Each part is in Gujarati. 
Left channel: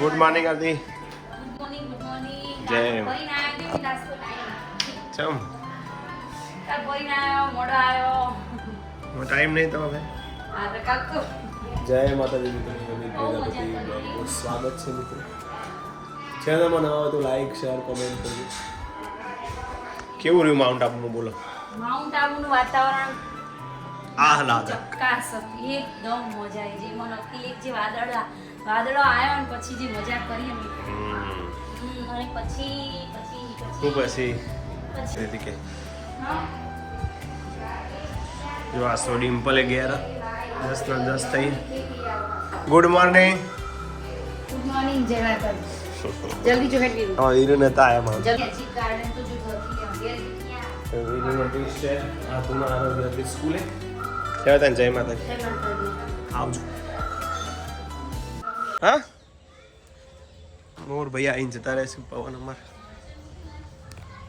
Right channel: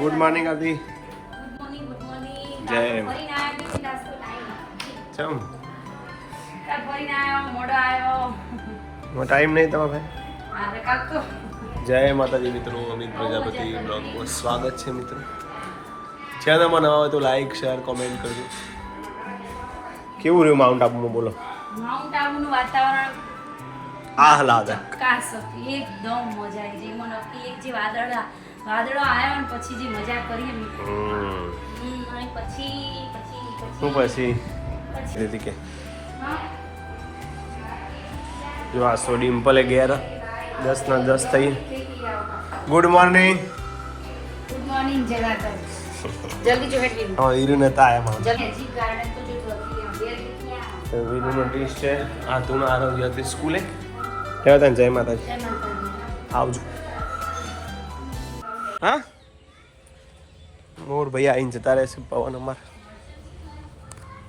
ગુડ મોર્નિંગ આદિ. Good morning. જય. ચમ મોડો આવ્યો. ટાઈમ નહીં તમારે આપણે કાક તો જય માતાજી મિત્રો. અમિત પ્રજાપતિ બ્લોગમાં સ્વાગત છે મિત્રો. ચેનલમાં નવા હોય તો લાઈક શેર કોમેન્ટ કરજો. કેવું રહ્યું માઉન્ટ આબુમાં બોલો? માઉન્ટ આબુનું વાતાવરણ આહલાદક. કાસ હતી, એકદમ મજા આવી ગઈ. મને એક જે વાદળો આવ્યો ને પછી જે મજા કરી એમ. અને પછી શું પછી કે જો આ સો ડિમ્પલે ગયા 10 ના 10 થઈ. Good morning. Good morning. જય માતાજી. જલ્દી જો હેડ વીરુ. હા વીરુ નતા આયા માઉન્ટ. જલ્દી ગાર્ડન તો જો ઘરથી આમ બેર દેખી આવો. વીરુ નોટિસ છે આ તું આરોગ્ય હતી સ્કૂલે. કેવા તને જય માતાજી. જય માતાજી. આવજો. હા મોર ભાઈ આવીને જતા રહેશે પવન અમાર.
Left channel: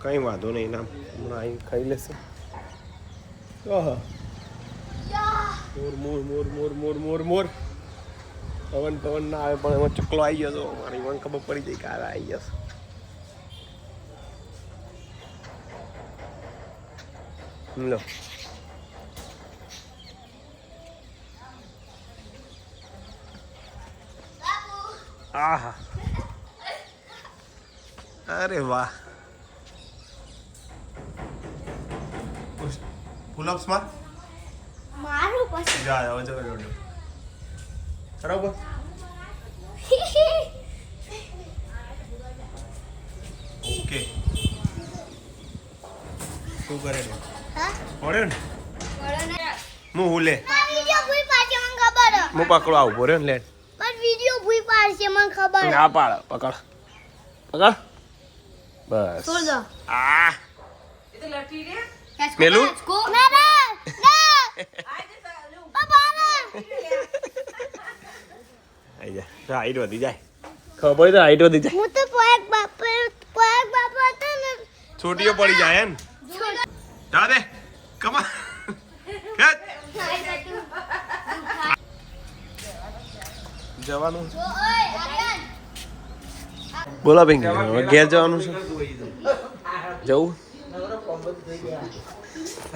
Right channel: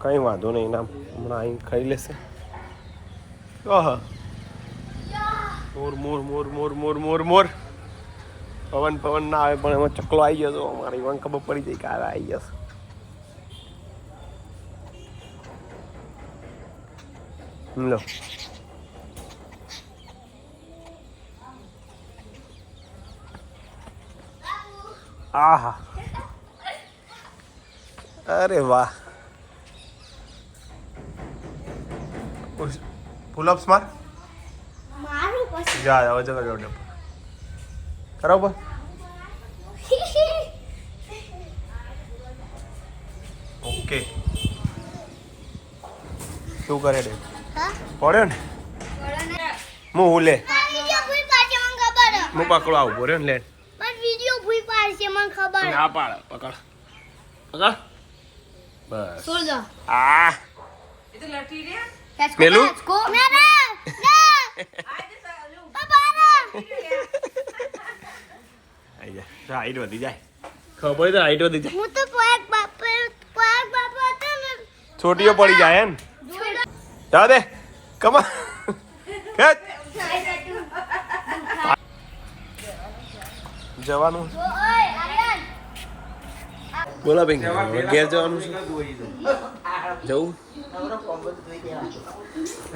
કઈ વાંધો નહીં નામ હમણાં આવી ખાઈ લેશે. ઓહ મોર મોર મોર મોર મોર મોર મોર. પવન ના આવે પણ એમાં ચકલો આવી ગયો તો અમારી મને ખબર પડી ગઈ કે આવી જશે. લો આહા અરે વાહ. પુલઅપ્સ માં મારું પછી જા આવો ચલો જોડે કરો કો. ઓકે તું કરે રે હા પડ્યો ને બોલો હું હુલે વિડિયો ભૂઈ પાડશે મને ખબર હું પકડો આવું પડ્યો ને લે પણ વિડિયો ભૂઈ પાડશે મને ખબર આ પાડ પકડ બસ છોડ દો આ એ તો લટી રે. પેલું? કો ના રે પાપા આઈ જા તો હાઈટ વધી જાય ખબર તો હાઈટ વધી જાય હું તો પોયક બાપા હતો ને છોટીઓ પડી જાય એમ જા દે કમા ખેત જવાનું બોલો ભાઈ ઘેર જવાનું છે જવું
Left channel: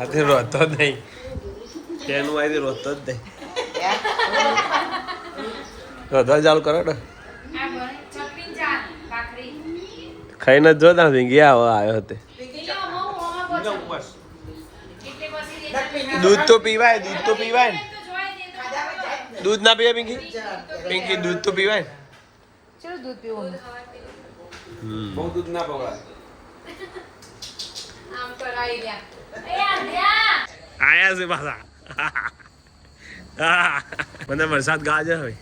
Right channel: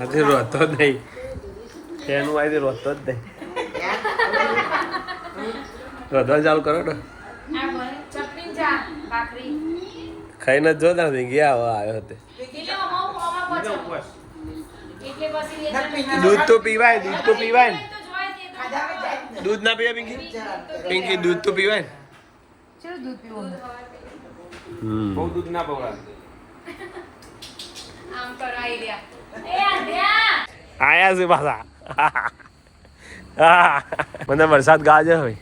આજે રોતો જ નહીં એનું આજે રોતો જ નહીં રોધવા ચાલુ કરો ને આ બને ચટણી ચા ભાખરી. ખાઈને જ જોતા નહીં ગયા હવે આવ્યો તે એટલે પછી લે ચટણી. દૂધ તો પીવાય ને તો જોય તે તો દૂધ ના પીવાય પિંકી દૂધ તો પીવાય ને ચલો દૂધ પીવું. આમ કરાઈ રહ્યા. એ આંધ્યા. આયા છે પાછા હા મને વરસાદ ગાજે હોય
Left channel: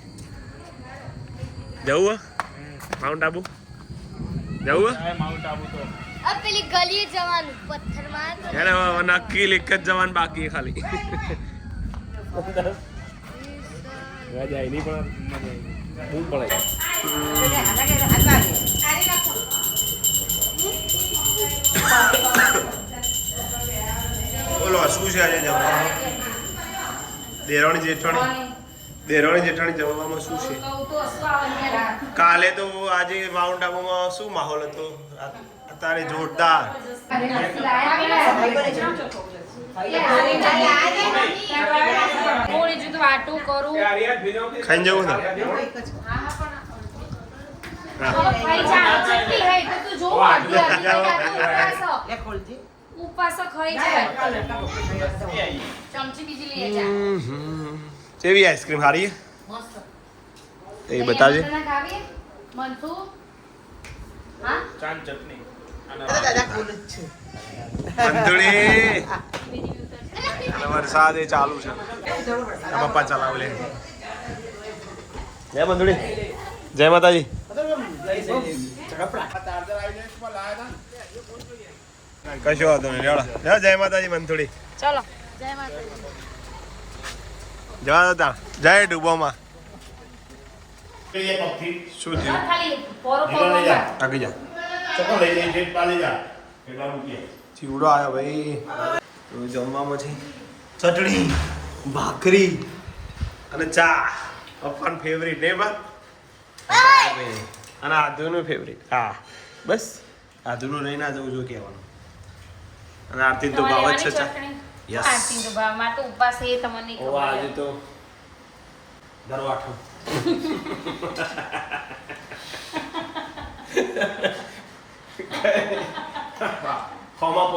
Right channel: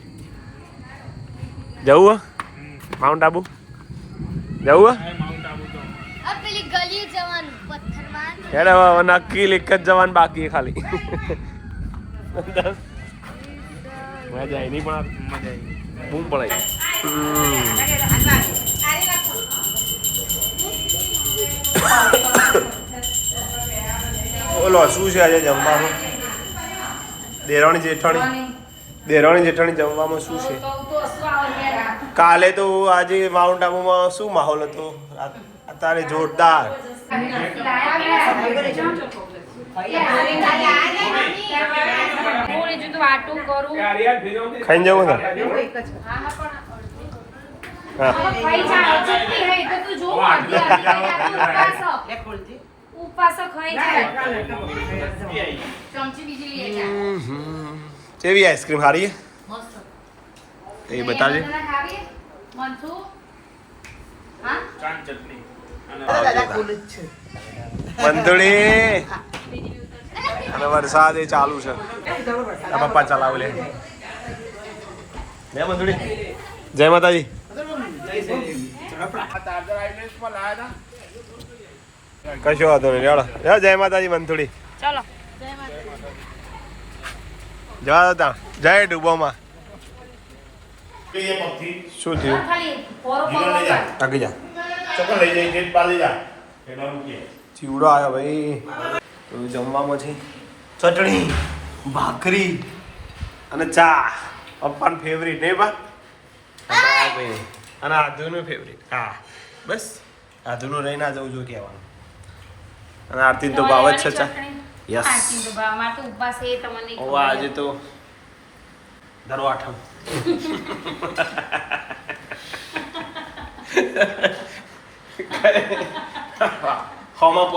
જવું માઉન્ટ આબુ જવું આ પેલી ગલી જવાનું પથ્થર માર યાર હવે નક્કી એક જ જવાનું બાકી ખાલી મજા આવી નહીં પણ મજા આવી બૂમ પડાય. બોલો શું છે આજે જમવામાં? દેરાણી જેઠાણી જમવામાં શું છે? કાલે તો આજે માઉન્ટ આબુમાં શું માહોલ હતો? અત્યારે જોરદાર. વાટું કરું. ખાઈને જવું ને? હા ખાઈ જાય ચટણી હે તો તું જો ઉપવાસ ખાઈ જાય. ચમચી બીજી લઈ જા. કેવી આઈસ્ક્રીમ સારી એ બતાવજે. મનસુ હા બંધુડી અને વરસાદ એ ચાલુ છે. આ પપ્પા ચલાવ લે બંધુડી. જય માતાજી. કશો વાંધો નહીં રેડો. જય માતાજી બંધુડી. ચલો જવા દો જય ડૂબોમાં. શું થયું? ખાલી પોરો પોરો આગી જા. ચીવડો આવ્યો ભાઈ. તો જમવામાં છે ચટણી ભાખરી અને ચા. પપ્પાની ફેવરિટ નહીં બા કોઈ નહીં. અને આધુનું ફેવરેટ. હા બસ આધુનું લઈને જવું જોઈએ કહેવાનું. અને આરતી તો ભાવ જ છે. યસ. આરતી તો ભાવ માં તો ઉપવાસ એ તમને ઓ આજે તો દરવાઠમ. હોમાં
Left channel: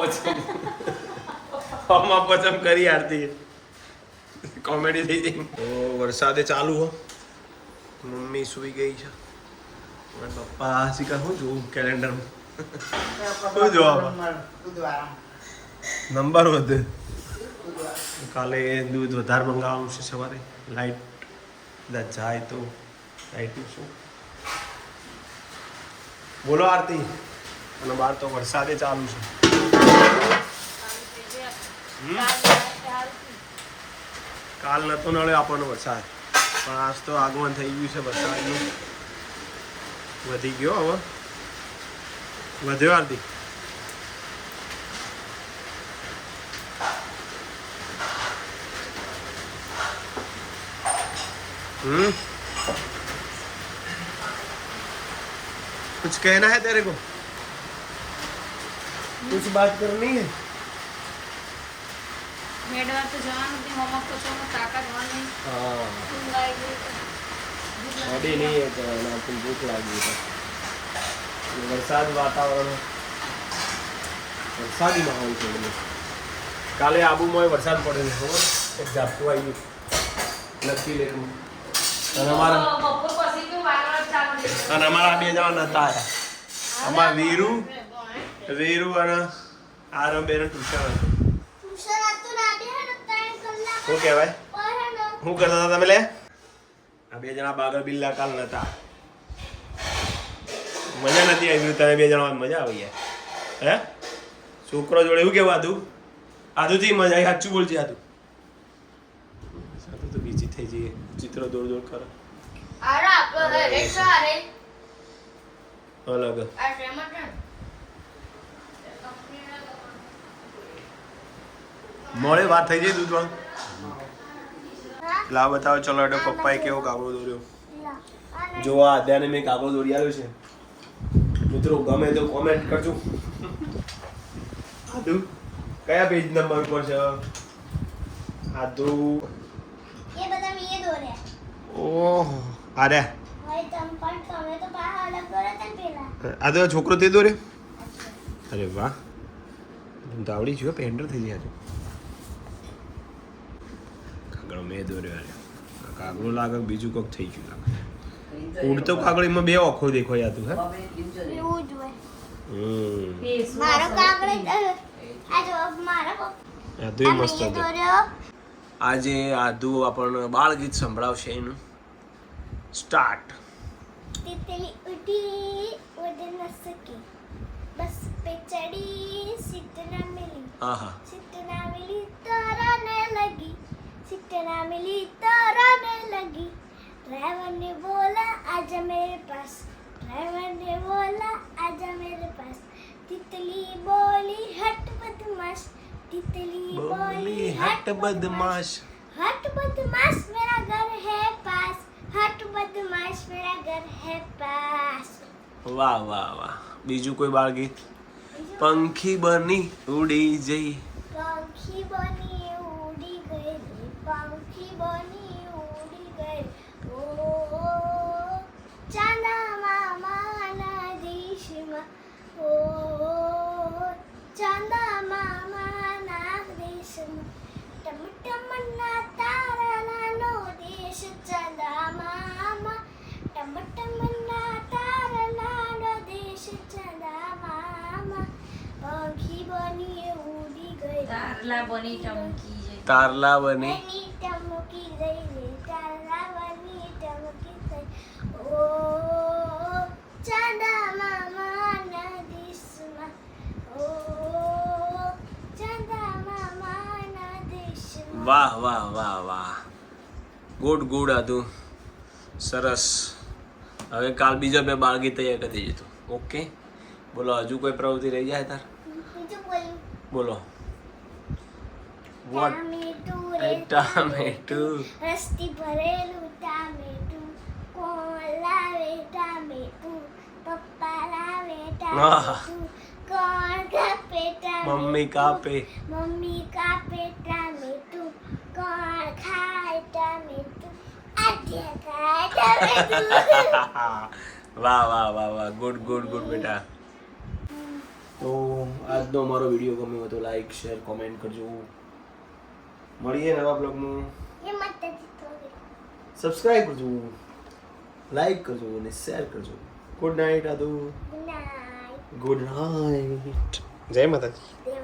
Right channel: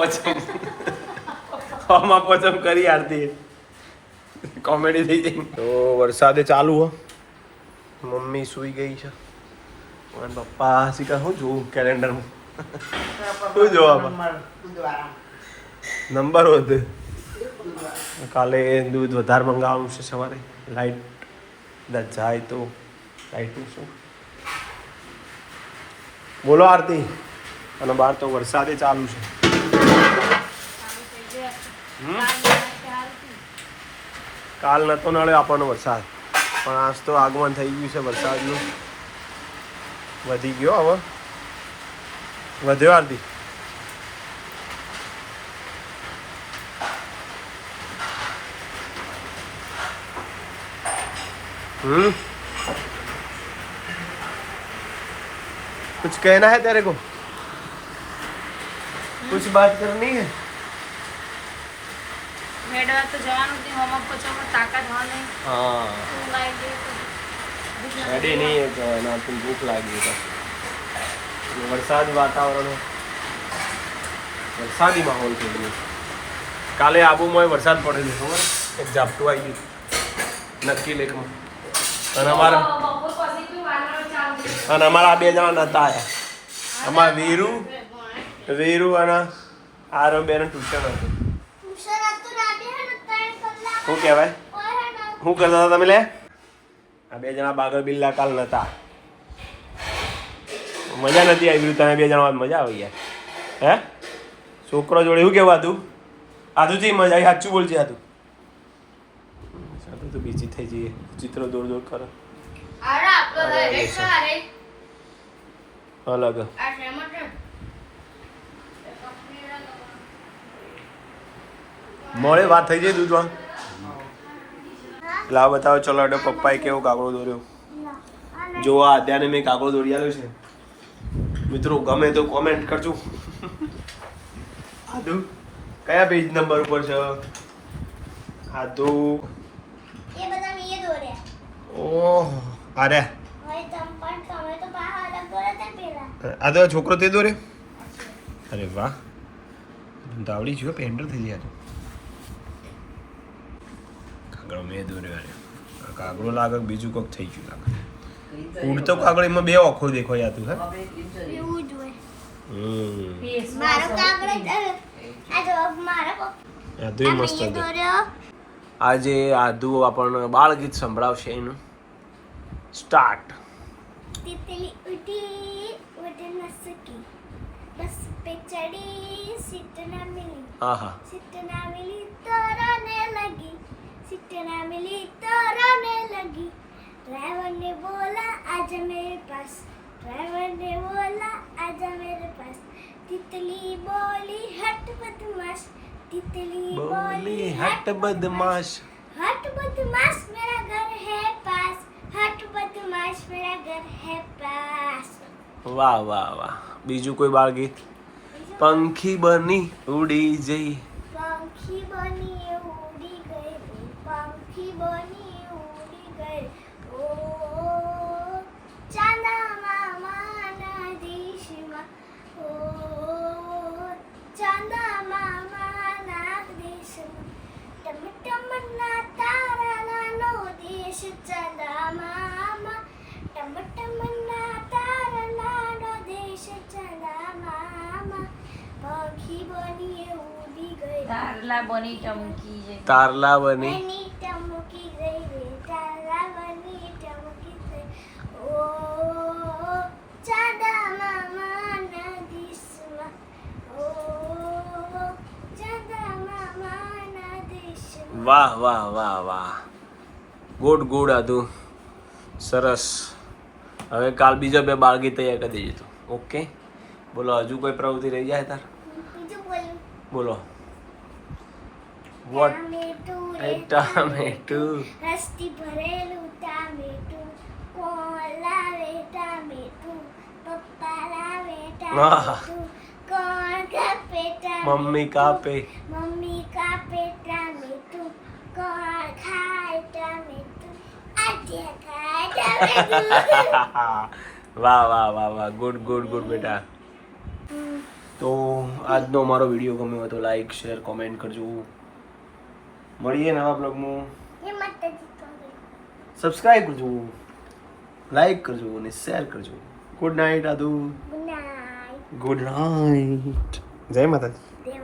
પોચમ કરી આરતી કોમેડી થઈ ગઈ. તો વરસાદે ચાલુ હો. મમ્મી સૂઈ ગઈ છે. અને પપ્પા શીખા હું જોઉં કેલેન્ડરમાં શું જોવા નંબર વધે. કાલે દૂધ વધારે મંગાવવાનું છે સવારે. લાઈટ કદાચ જાય તો લાઈટનું શું બોલો આરતી. અને બહાર તો વરસાદે ચાલુ છે. કાલ નતો નળે આપણને વરસાદ, પણ આજ તો આગમન થઈ ગયું છે વરસાદનું. વધી ગયો હવે વધ્યો આરતી. कुछ कहना है तेरे को? कुछ बात करनी है? મેડમ તો જવાનું કે હોમવર્ક પચવામાં તાકાત હોય નહીં. हाँ ઊંઘ આવી ગઈ તો रेडी नहीं है तो ना तुम भूख लागी तो वरसाद वातावरण वरसादी माहौल के लिए काले आबूમાં વરસાદ પડે છે ખબર એક ઝાપટું આવી ગયું નક્કી લેકમાં. અને અમારા બપોર પછી તો વાયરલ ચાલુ છે. અને અમારા બે જણા નતા આયા. અમારા વીરુ અને આરમ બેન ટ્યુશન હતું. શું કહેવાય શું કરતા હતા તમે લે? આ બે જણા બાગલ બિલ્લા કાલ નતા. મજા નથી આવી. તમે બે જણા મજા આવી યાર. હે છોકરો જોડે શું કેવું આતું? આતુથી મજા આવી. સાચું બોલજે આતું. સાતું તો બીજી થઈ જઈએ. ચિત્રો દોડ દોડ કરો. અલગ મોડે વાત થઈ જાય દૂધમાં. લાવ બતાવો. ચલો અડો પપ્પાએ કેવો કાગડો દોર્યો. જો આ અત્યારે મેં કાગડો દોરી આવ્યો છે. મિત્રો ગમે તો કોમેન્ટ કરજો. આદુ કયા પેજ નંબર ઉપર છે? આદુ ये बता मैं ये दो रहे ઓહ અરે मैं तुम पर तुम्हें तो बाहर अलग दो रहे थे पहला આ તો છોકરો તે દોર્યો. અરે વાહ દાવડી જો પેન્ડર થઈ જાય. કાગડો મેં દોર્યો. અરે આ કાગડો લાગે કે બીજું કોક થઈ ગયું લાગે. ઉડતો કાગડો એમાં બે આંખો દેખાય હતું. હે वो जो है બેસ मारो कागड़ आ जो मारो આ તો મસ્ત ये હતું. दो रहे हो આજે આદુ આપણને બાળ ગીત સંભળાવશે. એનું સ્ટાર્ટ. तितली उड़ी उड़ न सकी बस पे चढ़ी सीट न मिली આહા सीट न मिली तो रोने लगी सीट न मिली तो रोने लगी ड्राइवर ने बोला आजा मेरे पास ड्राइवर ने बोला आजा मेरे पास तितली बोली हट बदमाश तितली બોલી હટ બદમાશ. हट बदमाश मेरा घर है पास हट बदमाश मेरा घर है पास વાહ વાહ વાહ. બીજું કોઈ બાળ ગીત? પંખી બની ઉડી જઈ. पंखी बनी उड़ी गई पंखी बनी उड़ी गई ओ चांदा मामा ना देशમાં ओ चांदा मामा ના દેશમાં ટમ ટમ ના તારાનો દેશ ચાંદા મામા ટમ ટમ ના તારાનો દેશ ચાંદા મામા પંખી બની ઉડી ગઈ તારલા બની ટમકી છે. તારલા બની એની ટમકી ગઈ રે તારાવની ટમકી ગઈ ઓ ચાંદા મામાના દેશમાં ઓ ચાંદા મામાના દેશમાં વાહ વાહ વાહ વાહ. ગુડ ગુડ આદુ સરસ. હવે કાલ બીજા બે બાળ ગીત તૈયાર કરી દેજો. ઓકે બોલો. હજુ કોઈ પ્રવૃત્તિ રહી જાય તાર? બીજું બોલું બોલો. વોટ ટામેટું ટામેટું રસથી ભરેલું ટામેટું કોણ લાવે ટામેટું આહા. ટામેટું કોણ કાપે ટામેટું મમ્મી કાપે મમ્મી કાપે ટામેટું કોણ ખાય ટામેટું આજે ખાય ટામેટું વાહ વાહ વાહ વાહ ગુડ ગુડ ગુડ બેટા. તો આજનો મારો વિડીયો ગમ્યો હોય તો લાઈક શેર કોમેન્ટ કરજો. મળીએ નવા બ્લોગમાં. એ માતાજી તો સબસ્ક્રાઇબ કરજો, લાઈક કરજો અને શેર કરજો. ગુડ નાઇટ આદુ. Good night good night. જય માતાજી. જય